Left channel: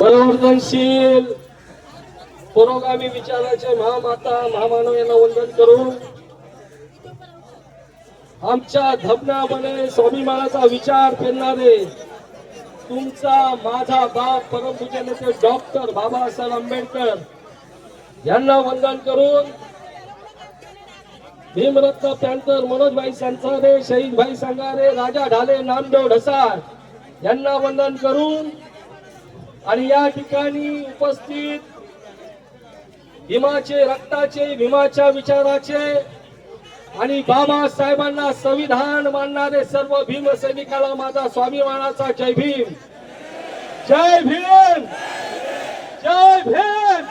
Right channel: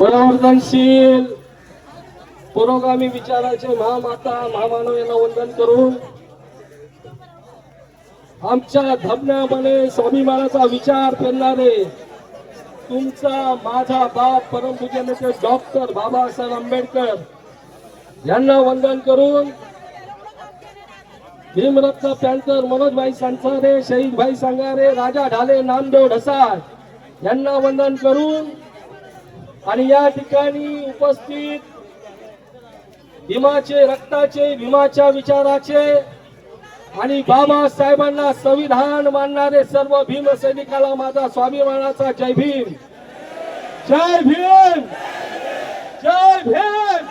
परिवर्तनशील पुरोगामी विचाराचे महामाता महामानव यांना वंदन करून आमच्या धबनामध्ये स्वाभिमानाचा विचार करणारे तुमचा माझा बाप परमपूज्य नेते डॉक्टर बाबासाहेब आंबेडकर यांना वंदन करून भीमरत्न पॅन्थर मनोजभाई संसारे शहीदभाई संगारे राजा ढाले नामदेव ढसाळ यांना वंदन करून आणि या ठिकाणी उपस्थित भीमाचे रक्ताचे भीमाच्या विचाराचे आणि बाबासाहेबांना संविधान मानणारे सर्व भीम सैनिकाला माझा स्वाभिमानाचा जय भीम जय भीम जय भीम।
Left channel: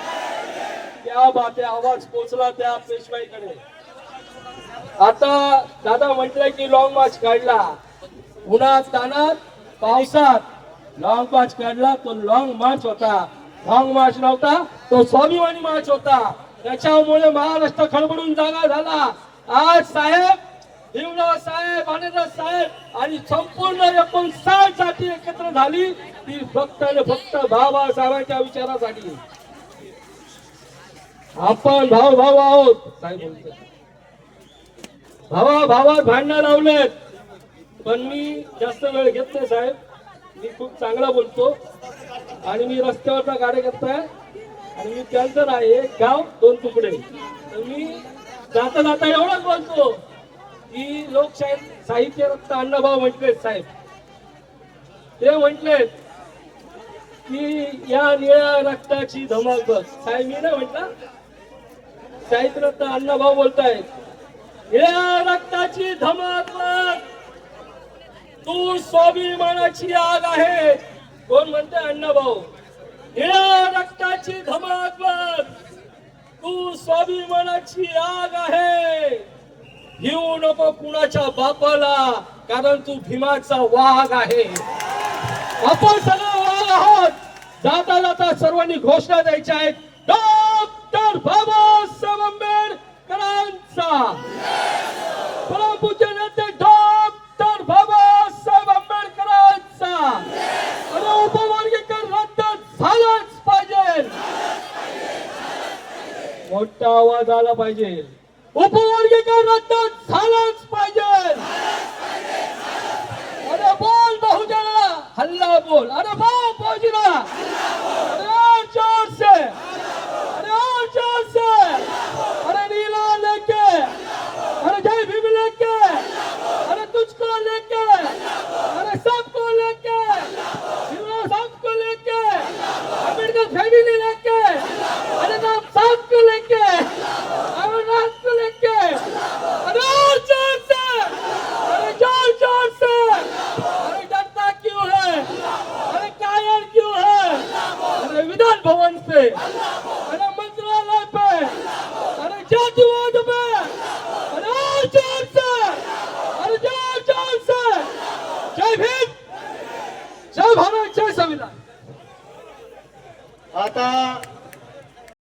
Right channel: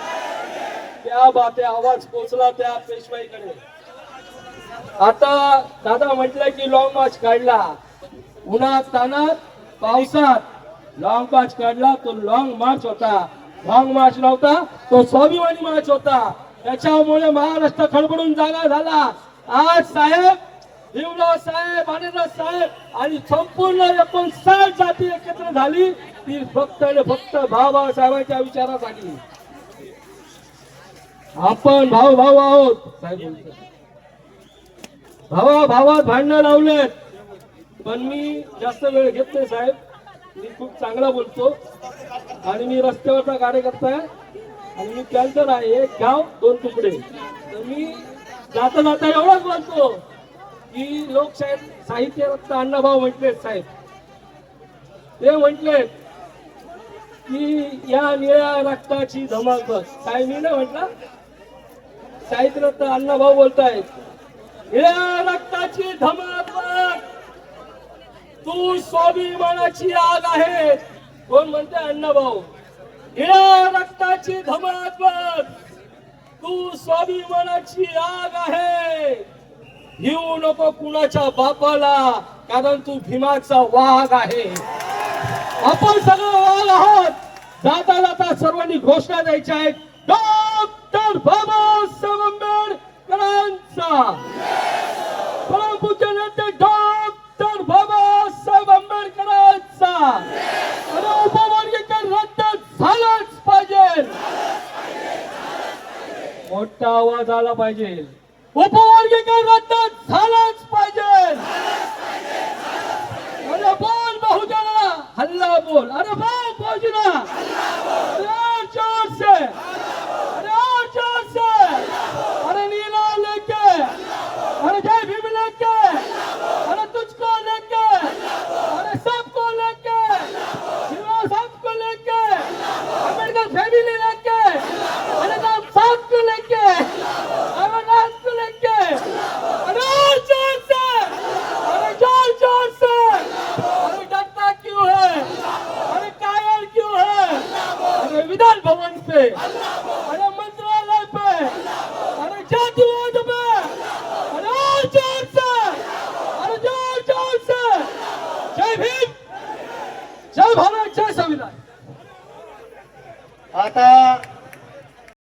त्या बाते आवाज पोचला त्या पेशवाईकडे। आता दादा म्हटलंय की लॉंग मार्च काढला, उन्हात तानात पावसात लॉंग मार्च काढला। तो लॉंग मार्च होता, लॉंग मार्च नव्हता, तो स्वाभिमानी मार्च होता। त्याच्यामुळे महाराष्ट्र खळबळून जागा झाला। आज साहेब भीमराव साहेब आनंदराव साहेब आणि संपूर्ण 59 जाती एकत्र झाली ती फक्त आणि फक्त बाबासाहेबांच्या विचारासाठी। आपण भाऊ भाऊ आहोत साहेब, भावा भावात भांडणं लावलेत, पण मी जास्त वेळ घेत नाही साहेब। मी खूप चांगला बोलतो आणि मी रस्त्यावरचा कार्यकर्ता आहे आणि मी कॅन्सर आहे। एक गाव दोन तुकडे। तर मी जाता जाता एवढंच बोलतो की लोकशाही साहित्य रत्न अण्णाभाऊ म्हटले साहेब, ते म्हटले की या निळ्या रक्ताची धमाक बस। साहेब मी नाही म्हटलं, साहित्य रत्न अण्णाभाऊ बोलतायत निळ्या रक्ताची धमाक बस, तू स्वाभिमानाची आग आहे। कोण म्हणते? अण्णाभाऊ। निळ्या रक्ताची धमाक बस, तू स्वाभिमानाची आग आहे। घेऊ नको कुणाच्या बापाला, कारण तू भीमाचा वाघ आहे। आपण सगळे वाघ आहोत। जाता जाता सर्वांनी घोषणा द्यायच्या आहेत, डॉक्टर बाबासाहेब आंबेडकरांचा परमपूज्य नेते डॉक्टर बाबासाहेब आंबेडकरांचा उपवर्गीकरण रद्द झालंच पाहिजे। मोठा आवाज आला पाहिजे, उपवर्गीकरण रद्द झालंच पाहिजे। अरे बोल बहुजना, हल्ला बोल, अरे बोल बहुजना, अरे जोर से, अरे जोर से, अरे नीला लेके, अरे जय भीम लेके, अरे तुझको लेके, अरे सबको लेके, सबको लेके, अम्बेडकर फैमिली लेके, अरे सबको लेके, अमरनाथ को लेके, अरे जोर से, अरे जोर जोर से, अरे डरता क्यों है, अरे कायर क्यों है, अरे विधान भवन से, अरे